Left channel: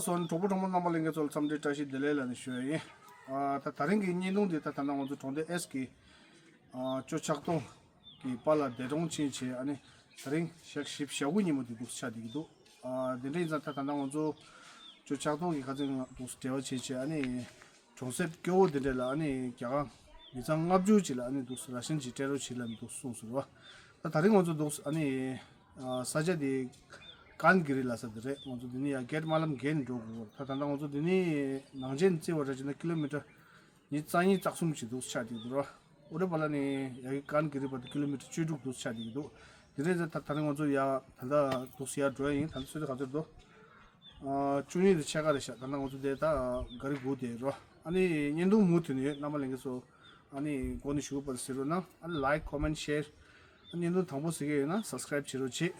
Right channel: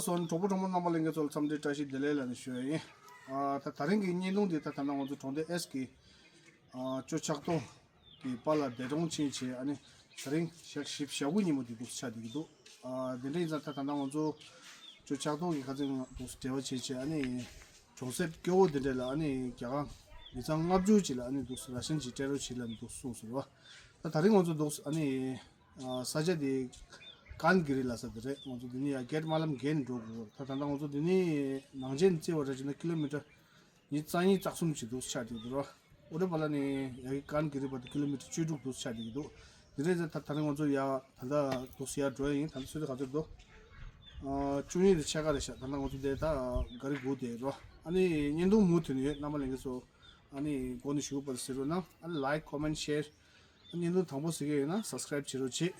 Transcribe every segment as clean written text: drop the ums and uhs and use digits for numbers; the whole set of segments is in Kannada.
son topo tomo namalinga sol samde tashi delela ni shwe ta taringi nyindung di ta tanda ngonzo tonde eski cho chakto ki pala derong chin che ani taring shak ship shawu ni mo di dus cha digido dinde za ta tanda ngonzo cho chakto ki kazing dus dewa che che ani chonsep kyo dindela ani kya izang ngabju chila ani dus rashin chi tero chila dus sunsurwa ta taring ngonzo dus ani saja di kan giri la sadre ngonzo dini ya get malam gen dogo ta tanda ngonzo dini nangjen che wara jina kilometer ni tsangi taksum chi dos cha di dro ore bala ni ya kan giri ba kilometer chuduk dos cha di do dire ta tanda ngonzo ya tanda dos ya drawing tanda sude 가져 do chuni de chaga de sha tanda ngonzo de ta gari go de ro ani nyendo mutni namalengso ani goni shu ba sero na like comment share ani nyendo thangbo sige na subscribe chiro chi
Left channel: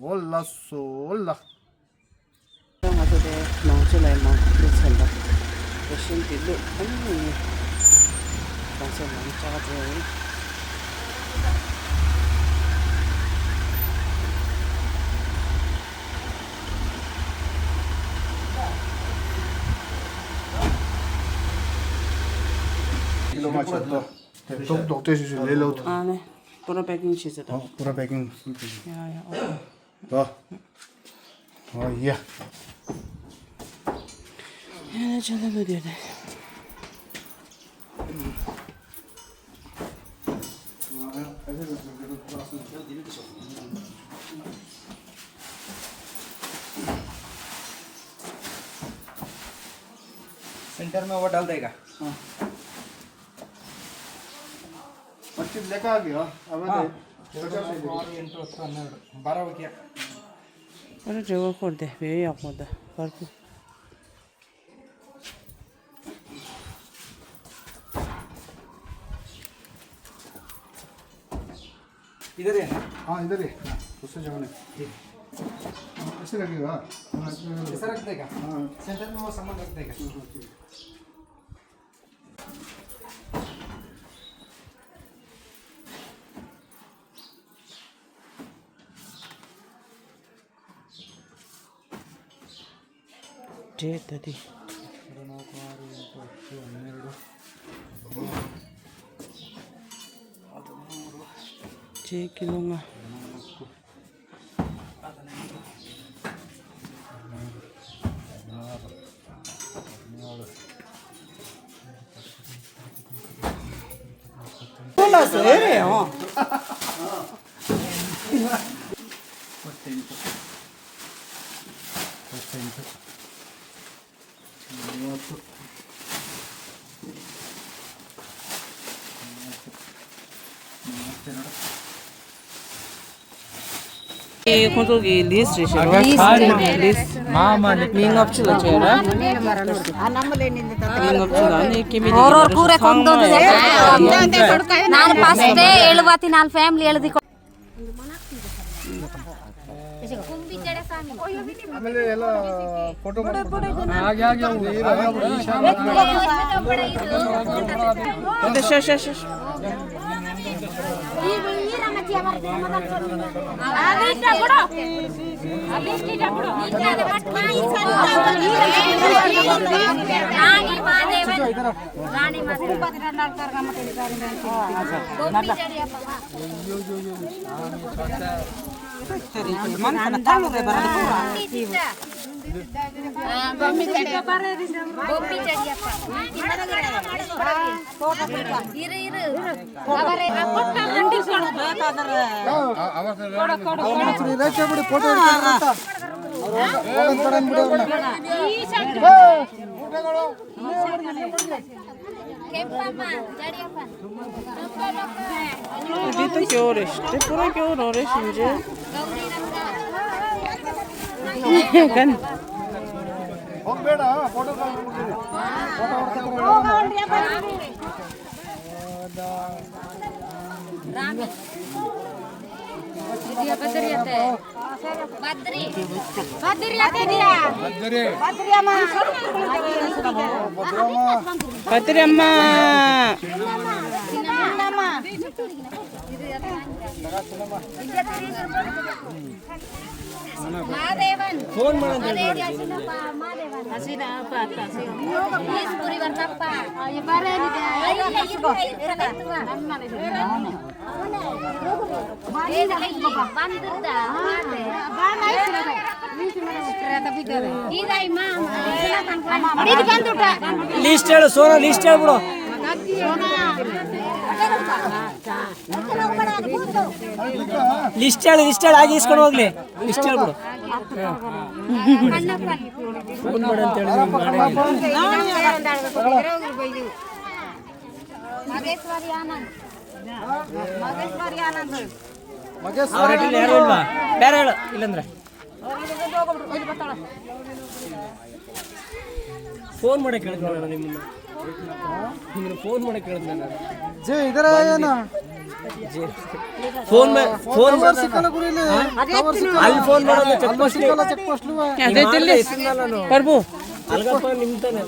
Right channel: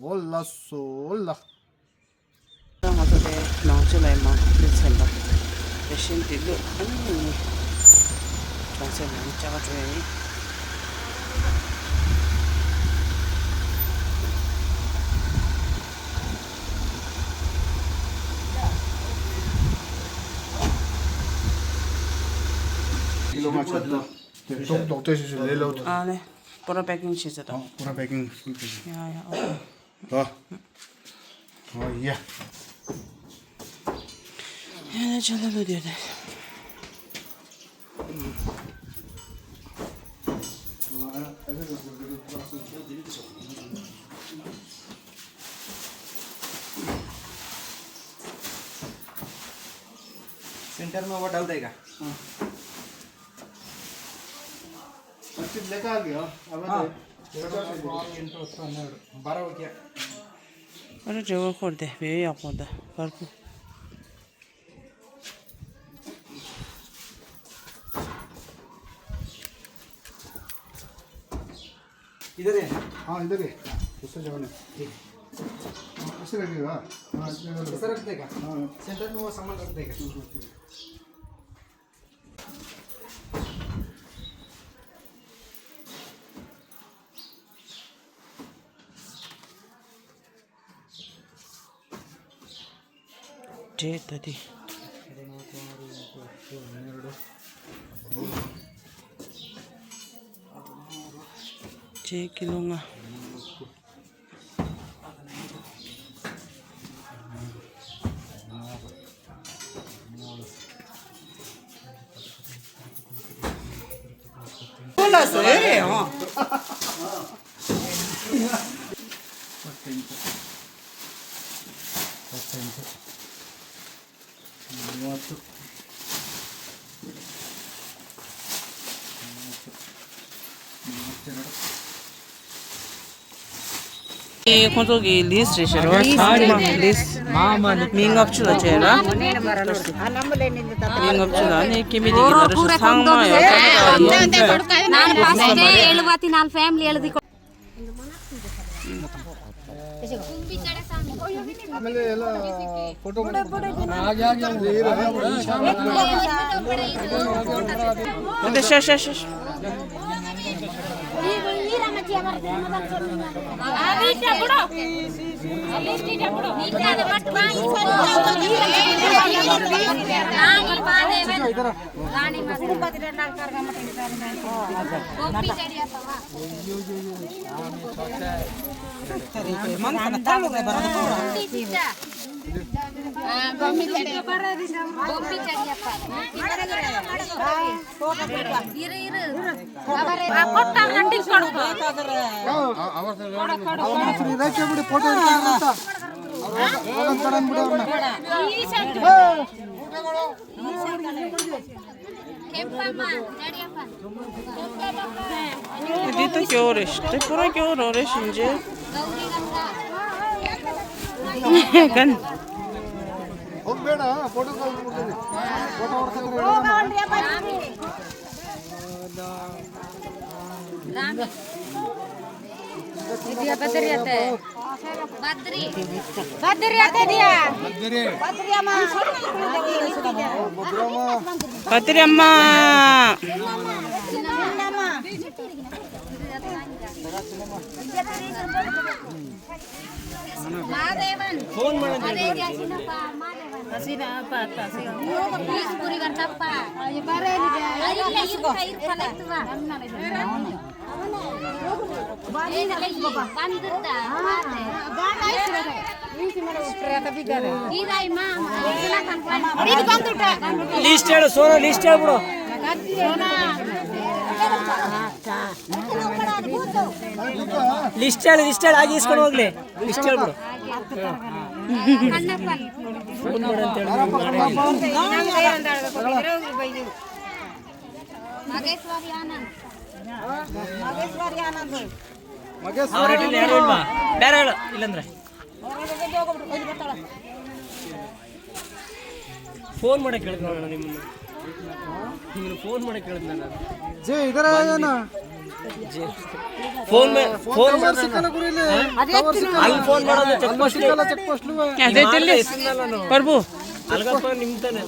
올라 솔라 나도데 나오줄라이마 그랬습니다. 대신 딜로 아니 정세 많이 작아져요. Kilo माछा डॉक्टर से ले लो 아 네. 보라 패킹 시즈다. पूरा पैकिंग 야야. 오케이. 예. 야, 전화 어디야 돼? सेंटर में वो डाल देगा मच्छी लेकर आ गया अब इंट्रो 12 हो गया 그래 저거 콜데 왜 약보다. 발고. इधर है हाँ इधर ही दूसरे जगह में ऐसे रखेगा ऐसा रख देगा सेंटर में वो सामान रख देगा 제다디. 제 킬로가. 몰랐어, 이래요. 이 건조기 리스트시로 리스 민갑출라 제라 민갑출 안에 김이디기 나르서 상마야 ನಾನು ಫಸ್ಟ್ ಹೇಳುವತಿ ನಾನು ಫ್ಯಾಮಿಲಿ ಹೇಳದಿ ಆಮೇಲೆ ಎಲ್ಲ ಫೋಟೋ 근데 샤샤샤 Dito 겨울에 시대 보라 겨울 오래 신지 간 ಹೋಗ್ಬೇಡ ಫೋಟೋ ಕಾಲ್ ಮಾಡ್ಬಿಡ್ತೀನಿ ಬದ್ರಿ ಅಮ್ಮ ಮಾದೇವನ್ ಫೋನ್ ಮಾಡಿ ತಪ್ಪ ಲಿಸ್ಟ್ ಹೇಳು ಸೋನು ಲಿಸ್ಟ್ ಹೇಳ್ಬಿಡು ಲಿಸ್ಟ್ ಹೇಳು ಆಗಿ ಇಸ್ಕೊಂಡು ಹೋಗ್ಲಿ ಲಿಸ್ಟ್ ಹೇಳ್ಬಿಡು ಮಗೇಶ್ವರಿ ಆನಂದ್ ಅವ್ರ ಯಾರು ಇಲ್ವಾ ಬೇರೆ ಹೇಳು ಇಲ್ಲಂದ್ರೆ ಫೋನ್ ಮಾಡಕ್ಕೆ ಹೇಳಿದ್ನಲ್ಲ ನಿಮ್ಮನ್ನು ಫೋನ್ ಮಾಡಕ್ಕೆ ಹೇಳಿದ್ನ ನಾನು ಜೇ ಇದರ ಏನ ಫೋನ್ ಅಲ್ಲಿ ಫೋನ್ ಮಾಡೋದು ಚೆಕ್ ಪೋಸ್ಟ್ ಅದೈತಿಲ್ಲ ಪ್ರಭು ಅಲ್ಗಪ್ಪ ನಿಮ್ತಾನೆ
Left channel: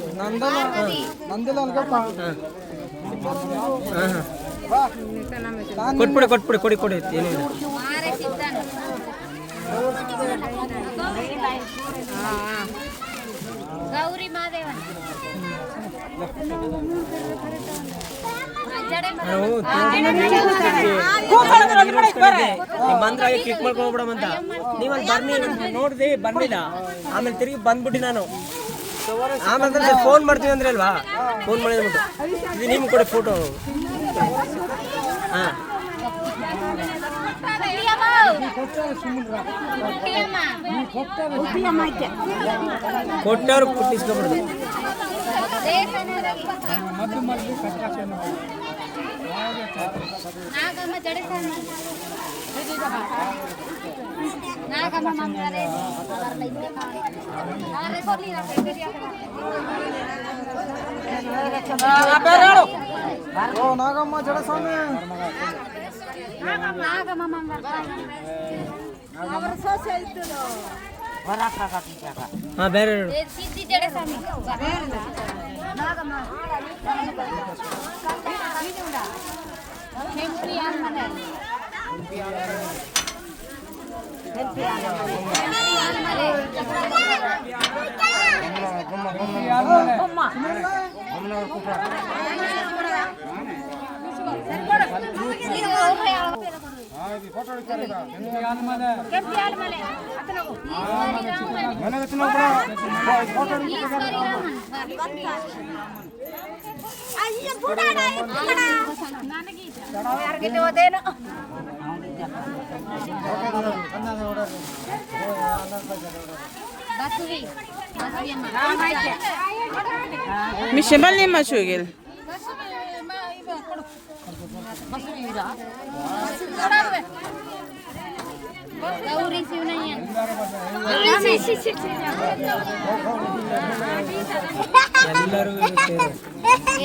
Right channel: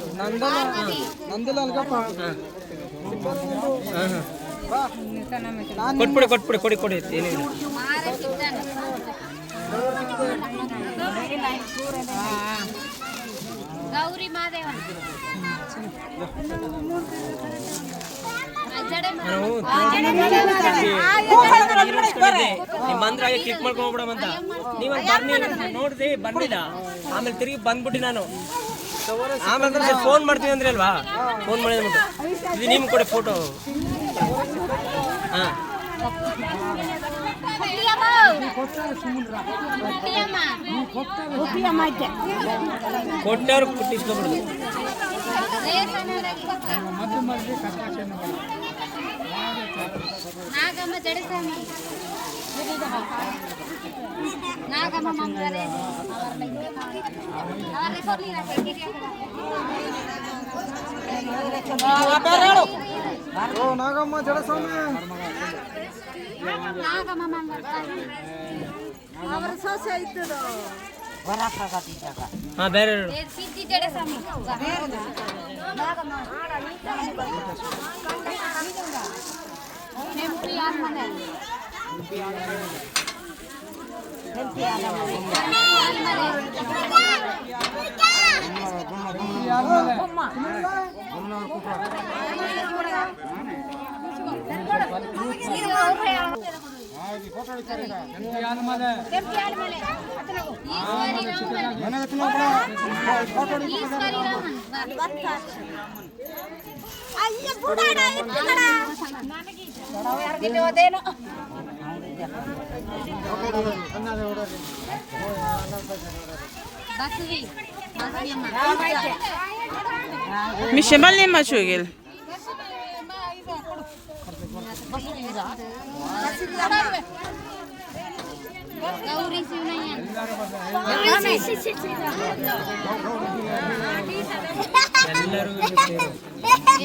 ನಂದಿಲ್ಲ ಅಲ್ಗಪ್ಪ ಕೊಡಿ ಏನಿಲ್ಲ ಗೌರಿ ಮಾದೇವನ್ ಬಂದ್ರೆ ಕ್ಲಿಕ್ ಮಾಡ್ಕೊಂಡು ಹೋಗ್ಬಿಡಮಂತ ನೀವು ನೋಡ್ದೆ ಬರ್ಲಿಲ್ಲ ಆಮೇಲೆ ತಿರುಗಿ ಬಂದ್ಬಿಟ್ಟು ನಾನು ಆಮೇಲೆ ಫೋನ್ ಮಾಡ್ತೀವಿ ಅಂದ್ರೆ ಅಲ್ವಾ ಫೋನ್ ಮಾಡಿದ್ಬಿಟ್ಟು ಇದು ನಿಮ್ಗೆ ಕೊಡಿ ಫೋಟೋ ಹಾಂ ಕೊಟ್ಟವ್ರು ಪುಟ್ಟಿಸ್ಕೊಬಿಡ್ದು ನಾಗಮ್ಮ ಜಡಸ್ವಾಮಿ ನಾಗಮ್ಮ ಮಮ್ಮರೆ ನಾಗಮ್ಮ ಜಡಸ್ವಾಮಿ ನಾಗಮ್ಮ ಮಂಗಲ್ ಅವರ ಸೊಸೆ ಇತ್ತು ಹಾಂ ಬೇರೆ ಸಿದ್ಧಿ ಜಡಸ್ವಾಮಿ ನಾಗಮ್ಮ ಎಂಪಿ ಆಲ್ಮನೆ Michelle ma shugil. Gauri Shivanayya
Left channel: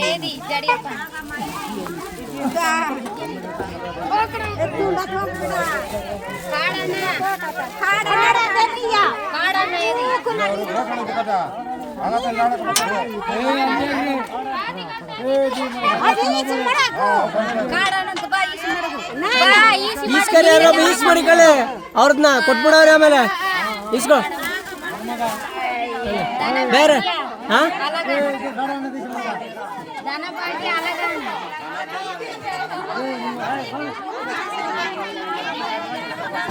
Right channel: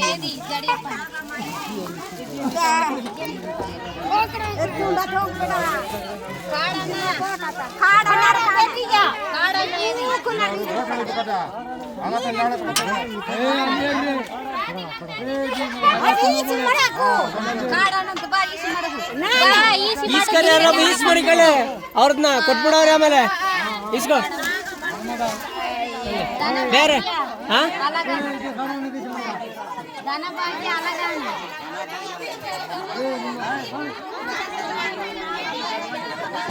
ಏದಿ ಜಡಿಯಪ್ಪ ಈಸ್ಕರಿಗಳೇ ಅವ್ರನ್ನ ಕೊಟ್ಬಿಡವ್ರೆ ಆಮೇಲೆ ಇಸ್ಕೋ ಬೇರೆ ಹಾಂ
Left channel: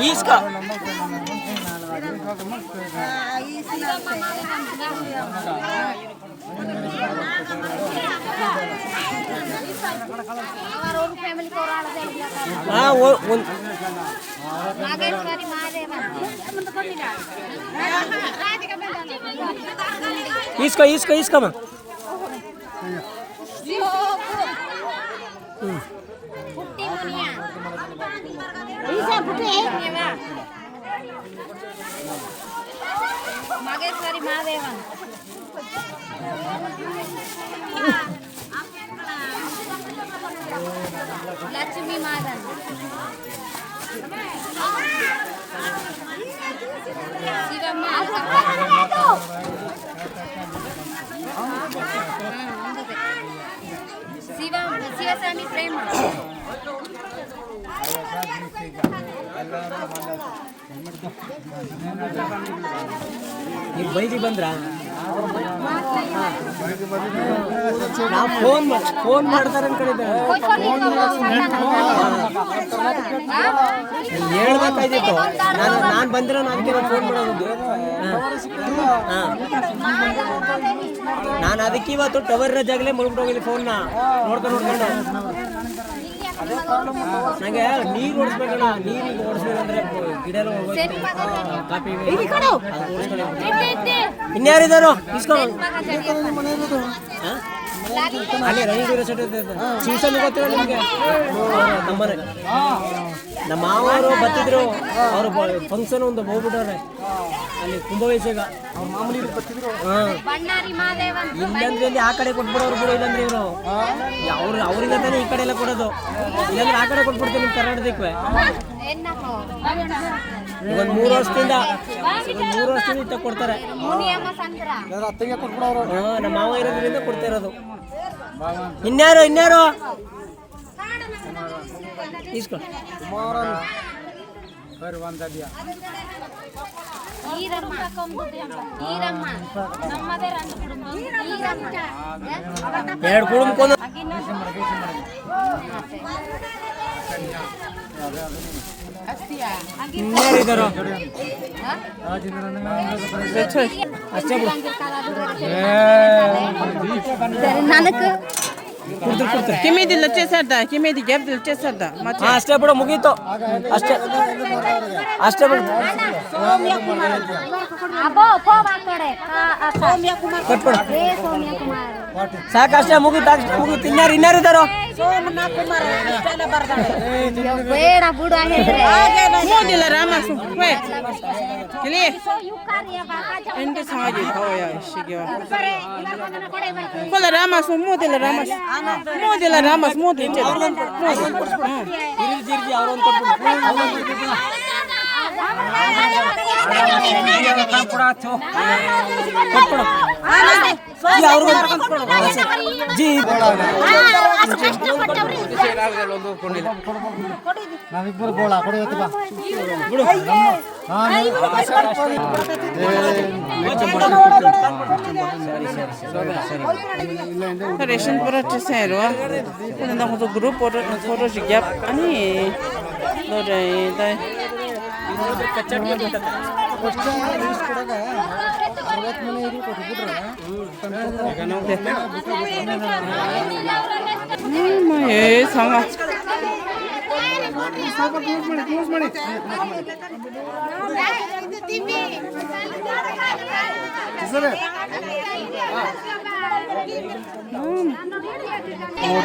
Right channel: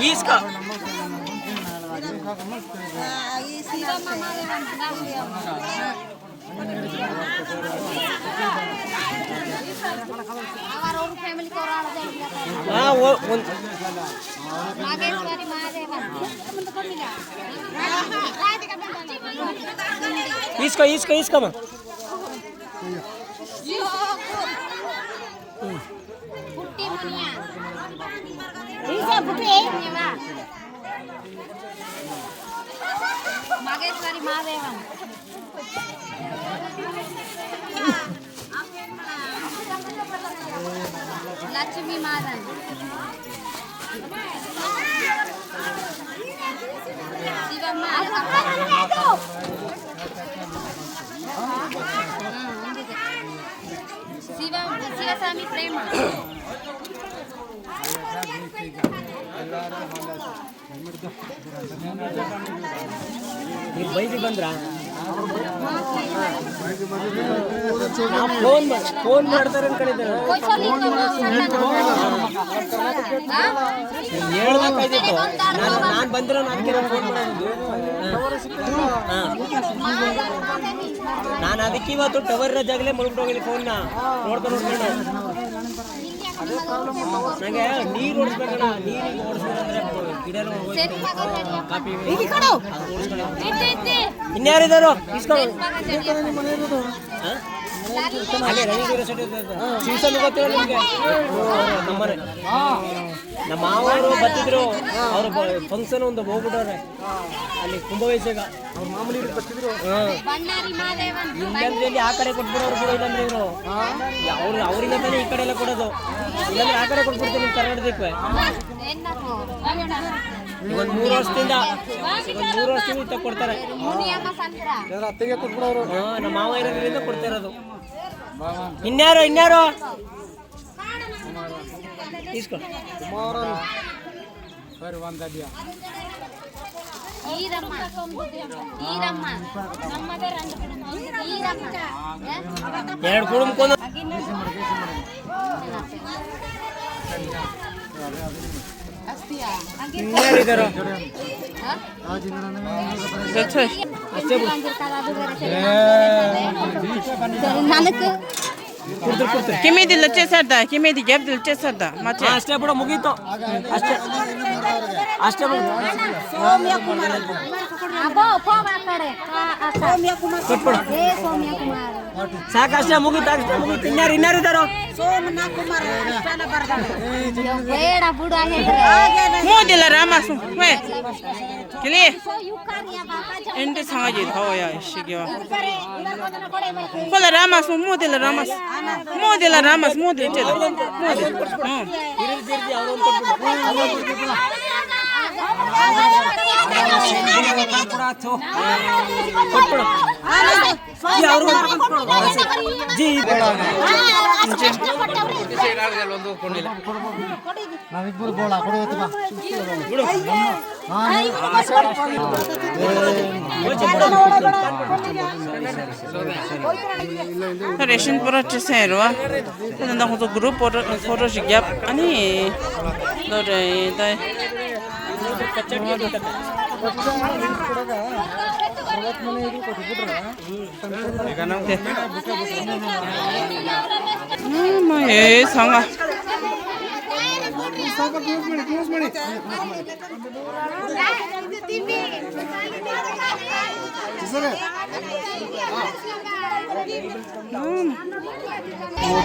ಈಸ್ಕೋ ನಾಗೇಶ್ವರಿ ಮಾದೇವ ಈಸ್ಕಮ್ಮ ನಾಗೇಶ್ವರಿ ಮಾದೇವನ್ ಲಕ್ಷ್ಮೀ ಮಾದನ್ ಶಿವಮ್ಮ ಶಿವಸ್ವಾಮಿ ಪ್ರೇಮ ನೀವು ಬೈದಿಗೆ ಬಂದ್ರಾ ಫೋನ್ ಮಾಡ್ತಾರೆ ಅನ್ಕೊಂಡಿದ್ದಾರೆ ಹೇಳ್ಬೇಕಾಗಿತ್ತು ನಾನು ಬಂದಿರೋ ನಾನು ಫೋನ್ ಮಾಡೋದು ನಾನು ಅದಕ್ಕೆ ಇವತ್ತು ಟವರ್ ರಜಾಗಲೇ ಮುಗಿದೋಗಿಲ್ಲ ಫೋನ್ನ ನೋಡ್ಕೊಂಡು ನನಗೆ ನೀರು ಓಡಿಸ್ಬೇಕಲ್ಲ ನೀರಿಗೆ ಓಡಿಸ್ಬೇಕಂದ್ರೆ ಗಿಡ ಕಾಪಿ ಇನ್ಯಾರಿದ್ದಾರೋ ಅಲ್ಲೇ ರವೀಂದ್ರ ಶಿವಸನ್ನು ಗೊತ್ತಿರಲ್ಲ ನಿಮಗೆ ನಮ್ಮನೆ ನಮ್ಮ ಮಾವರು ಬರ್ತಿದ್ರು ಅವರು ಫಂಕ್ಷನ್ ಒಂದು ಹೋಗ್ಬಿಟ್ಟವ್ರೆ ಅಲ್ಲಿ ಕುಂಭವಯಸ್ಸಿಗ ಮಾಮೂಲಿ ಬರ್ತಿದ್ರು ಇಲ್ಲಂದ್ರೆ ಆ ಕಡೆ ಕೊಟ್ಬಿಡೋರು ಬಿಡೋ ಇಲ್ಲಂದ್ರೆ ಇವರು ಅವ್ರಿಗೆ ತಾನೇ ಈ ಕಡೆ ಎಲ್ಲ ಕೊಡೋದು ಇಲ್ಲಾಂದ್ರೆ ಆ ಕಡೆ ಕೊಟ್ಬಿಡ್ತೀನಿ ನಿಮ್ಮ ಕರ್ನಾಟಕಕ್ಕೆ ಇದೊಂದು 3 ವರ್ಷದಿಂದ ಇತ್ತ ಕೊಡ್ತಾರೆ ನಮ್ಮ ಮಾವ ಇರೋದ್ರಿಂದ ಕೊಡ್ತಾ ಇರೋದು ಇನ್ಯಾರು ಇಸ್ಕೊ ಎರಡು ಕುಟುಂಬ ಕಿಮೇದಿಲ್ಲ ಚೇಸರ್ದ ಕಿಮೇದಿ ಗೆಬ್ದಿಲ್ಲ ಚೇಸರ್ದ ಮತ್ತೆ ಅಷ್ಟೇ ಬಿಡು ಮುಗೀತು ಅಷ್ಟೇ ಬಿಡು ಸಾಕಷ್ಟೇ ಮುಗೀತು ಇನ್ಯಾರಿದ್ದಾರೋ ಮೋದಿಲ್ಲ ರಾಮಸು ಕಿಲಿ ಎಂಟು 상하지 더워야 시기와 콜라 라마스 모델 라마스 모델 이제다 모델 ನಾವಿಬ್ಬರು ಗೋಳ ಕೊಡುತ್ತೆ ಬಾ ರೇಷನ್ ಪುರ ಚೇಸೇರುವ ಅದನ್ನ ಒಂದು ಗ್ರೂಪ್ ಫೋಟೋ ಸಿಗ್ಯಾಪ್ ಅನಿ ನೋಡ್ರಿ ದೈ ಏ ಸಂಗ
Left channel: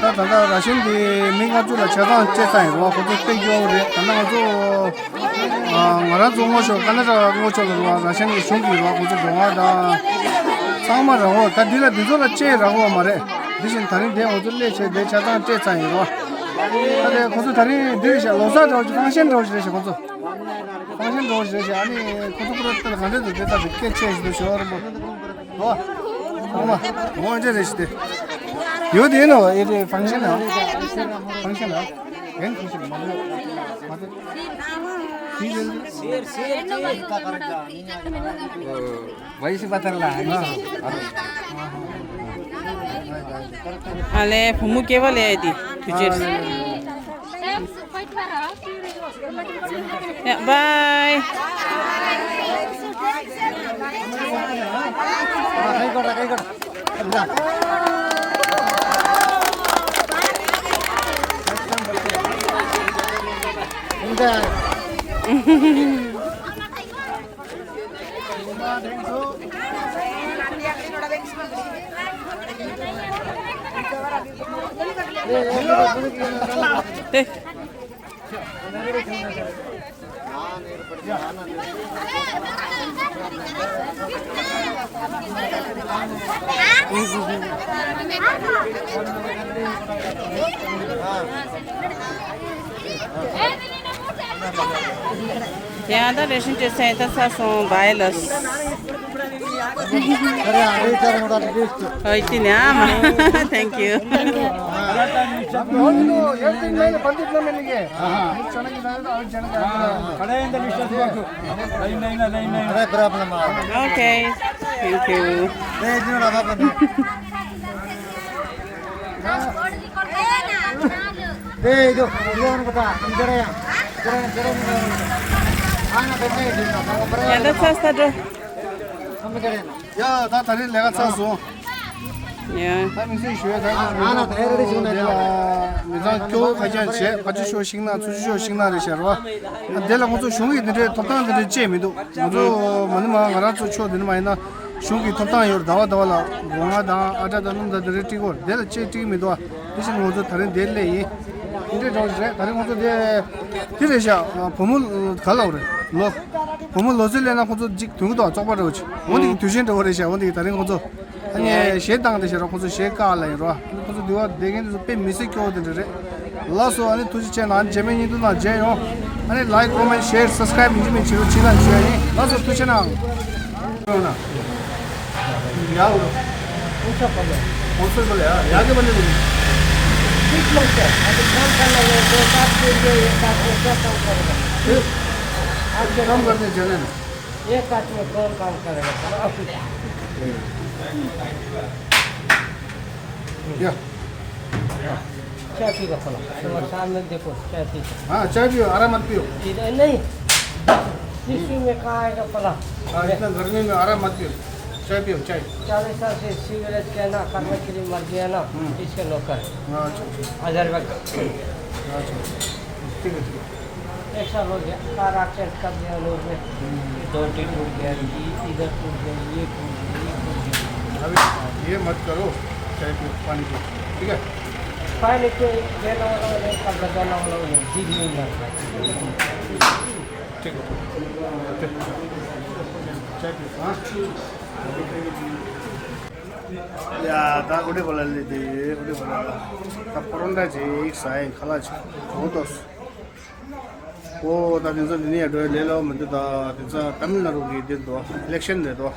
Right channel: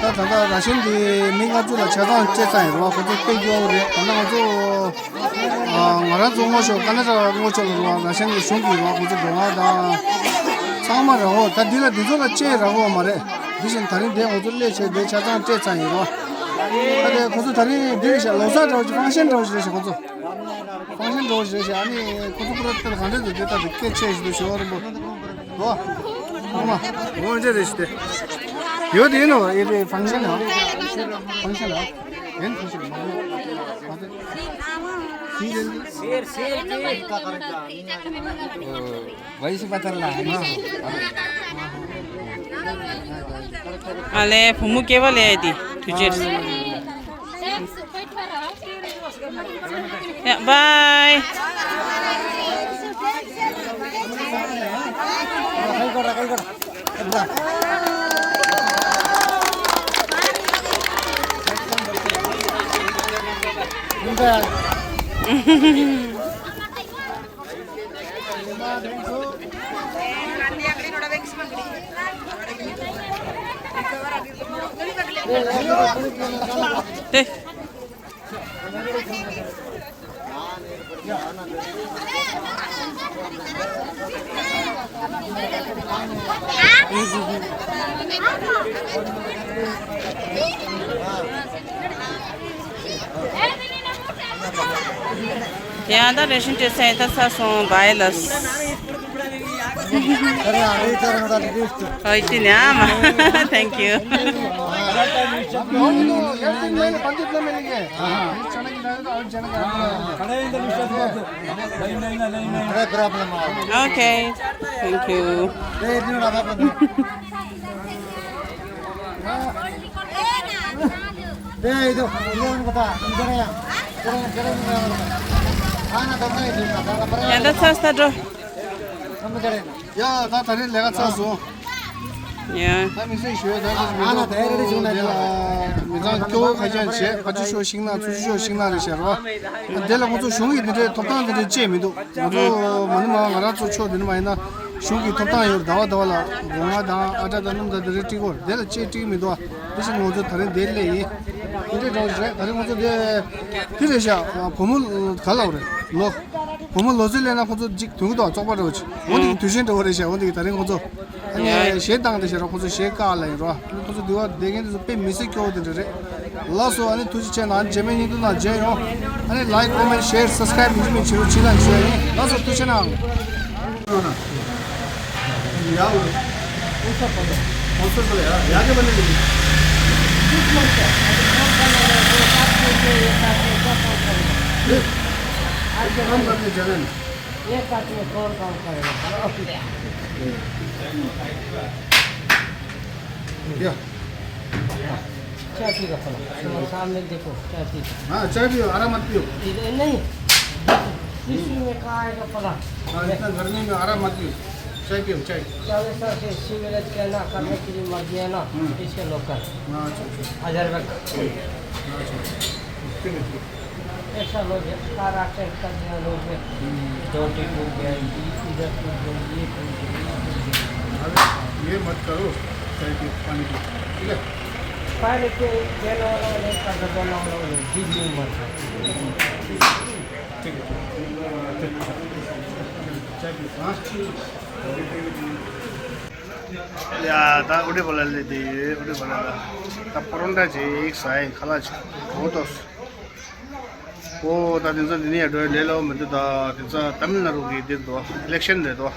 다 단다 라신디 민가주라 차단 제타이로 고조 페이지오레 단나고조 마라 종고쇼 간나자 고조로 라신디 쇼기로 고조 동아다 상마라고 다디라 디조라 제라고 말해 비신 다른 데 오들레 제대 차단 제타이로 근데 고조 다른 데리샤 로사 저지 방신 저지 고조 방신 저지 아니 고조 그랬다 간데도 됐다 늦게 쳐도 쇼를 뭐 엄마 뭐 이제 되시대 요디노 이제 방송이야 방송이야 웬 무슨 맞아 ವಯಸ್ಸು ಬತ್ತಲ್ಲ ಅಲೆ ಫುಮ್ಮು ಕೇವಲ ಐತಿ ತುಜೆ ಬಾಯ್ ಕೈ ಕೊಡ Tiada रेशन जैसे ऐसा सासों बायलस ಸರಿ ಐದು ತರ ನೋಡೋದು Thank you. ಅವನು ಹೇಳ್ತೀನಿ ಮೇಲೆ ಬಂದಿದ್ದ ಮೇಲಿಗೆ ಎಷ್ಟು ಚೆನ್ನಾಗಿದೆ ಅವ್ನು ಚೆನ್ನಾಗಿ ಕಡೆಯಿಂದ ಲಿಸ್ಟ್ ಹಾಕಬೇಕು ಅದೇ ಪ್ರಾಬ್ಲಮ್ Okay. Thank you. ನೋಡ ಅದ ಬಂದು ಇದು ಏನು ಗೊತ್ತಾ ನಮ್ಮ ಕಡೆ Yan sa stado. ನಮ್ಮ ಕಡೆ 야나 다리 내가 쌌어 Yeah. 他们是学他是那个教开展些같이学新的出去学新的这些是吧对了我做兄弟的同当的姐妹都我做我们嘛我那做学的嘛那兄弟同当有到了我嘛当阿家的弄的这这个对了这没多这是我做他人对嘞你这招是他人我做的这个下我们看了的老我们老这来那我做同到找不着去我的推荐的我的些我的他人我做아니 시행당한테 싫어 고소 시행가라이로 고소 되어 되게도 배 미세게 오더래 라서 아니 도지 채널 안 재미니도 나 제요 아니 라이크 코멘트 쉐어 서브스크라이브 좀 치료 시간 줘야 라서 또 채널 야우 무슨 거야 무슨 거야 야게 받는 거 एक काट में कौन काम करेगा चाय पी का फला तुम्हारे सामने देखो चाय पी हाँ चाय पियो आराम मत पियो नहीं शिशु में कहाँ आएगा फला इतना गर्मी में आराम मत पियो चाय पियो चाय 40 साल से सिगरेट के ना करने के लिए मर गया ना इसके नौकर 1000 रुपये एक साल हो गया कार एक्सीडेंट कर दिया लोग डोंटी टूट गया इधर टूट गया ये टूट गया ये मत करो चाय पियो पानी पियो ठीक है पानी के देने वाला नहीं कर देने वाला नहीं जीव नहीं मर गया ठीक है चाय पियो हाँ 야, 나 우리 벌레들이 우리 벌레다. 나 포론다지 익사인 칼라지. 고도스. 오, 나 진짜 니네 도 레로 먼저다 진짜 담나루기 된도 일렉션 돼도.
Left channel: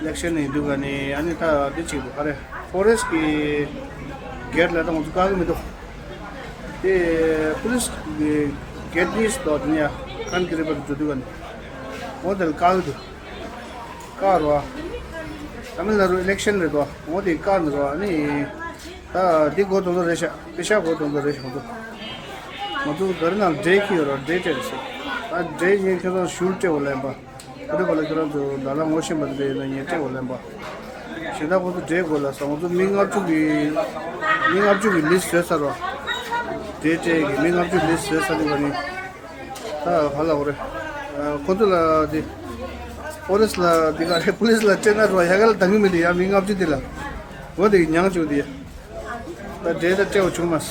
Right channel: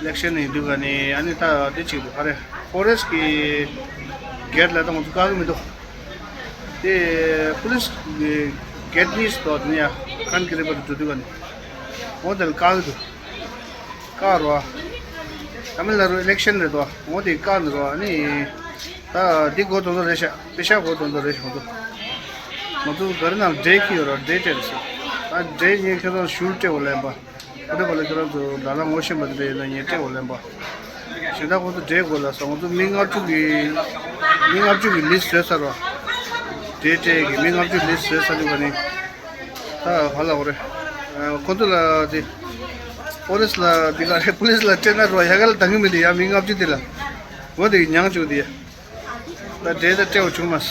일렉션이 두가니 아니 다 되지도 하래. 포레스키 게르라도 못 가고미도. 에 폴리스 게트니스 도냐 칸 그레버 두두가니. 모델 가도. 가로와 तमिलनाडु इलेक्शन रे तो मोदी कान रो अनि ता दिगो तो रेशा पेशा को तो रेशा मतो करना डे की और डे टेल्स आ डे ये के तो शूट होले बा उडे बोले करो तो दाला मोशन बदले न येते होले बा सेदा को तो डे गोला सो तो मिंग आउट टू लिस्ट रे सरो डे टे की मिंग आउट टू लिस्ट रे सरो बनी ता हला ओरे कोंतला दे पुलिस ला दिगारे पुलिस ला चेना रो यागल तंग में दिया मिंग आप जी दिला वो दे न्यांग चो दिया ता दे ते चे उचुमस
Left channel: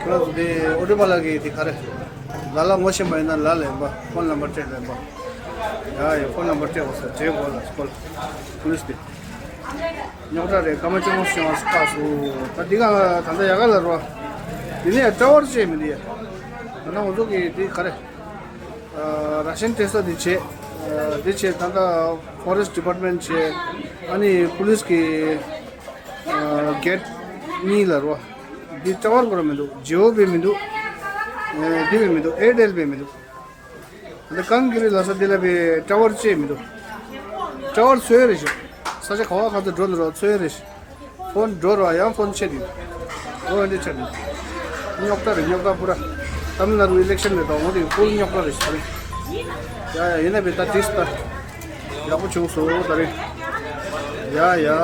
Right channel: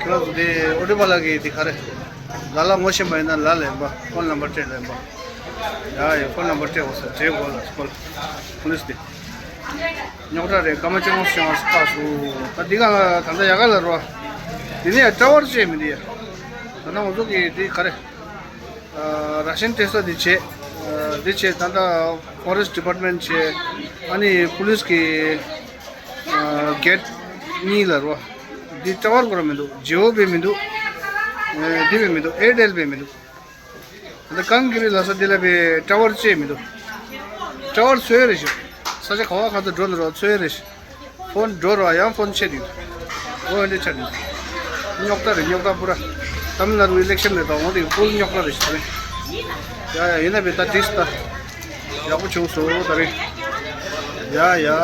क्लास दे ओडे वाला के दिखा रे लाला मोशे मैना ला ले बा फोन नंबर चे ले बा या ये फोन नंबर चे हो से बोला स्कूल पुलिस दे न्योटा रे कम चे मोशे मस पासु ता दिगा तंदा यागल रो दिने टावर चे में दिया तना ओजो के दिखा रे राशन टेस्ट दिचे दिचे तंदा फॉरेस्ट डिपार्टमेंट छे अनि पुलिस के गेट नीलरवा दि टावर गरो मेदु जियो बे मेदु दिबे medu Airtel bay medu the कंगिरि लस दिले बे टावर छे मेदु टावर सोयरेश सजे खवा खातो ड्रोन रो सोयरेश फोन डोर आया फोन छे दि ओ एंडे छदि न्योक्ता पूरा तमिलनाडु इलेक्शन ले तो मोदी फुल न्योक्ता रे छरे या ये ना बेटा टिस्टा या कुछ उसो तरे या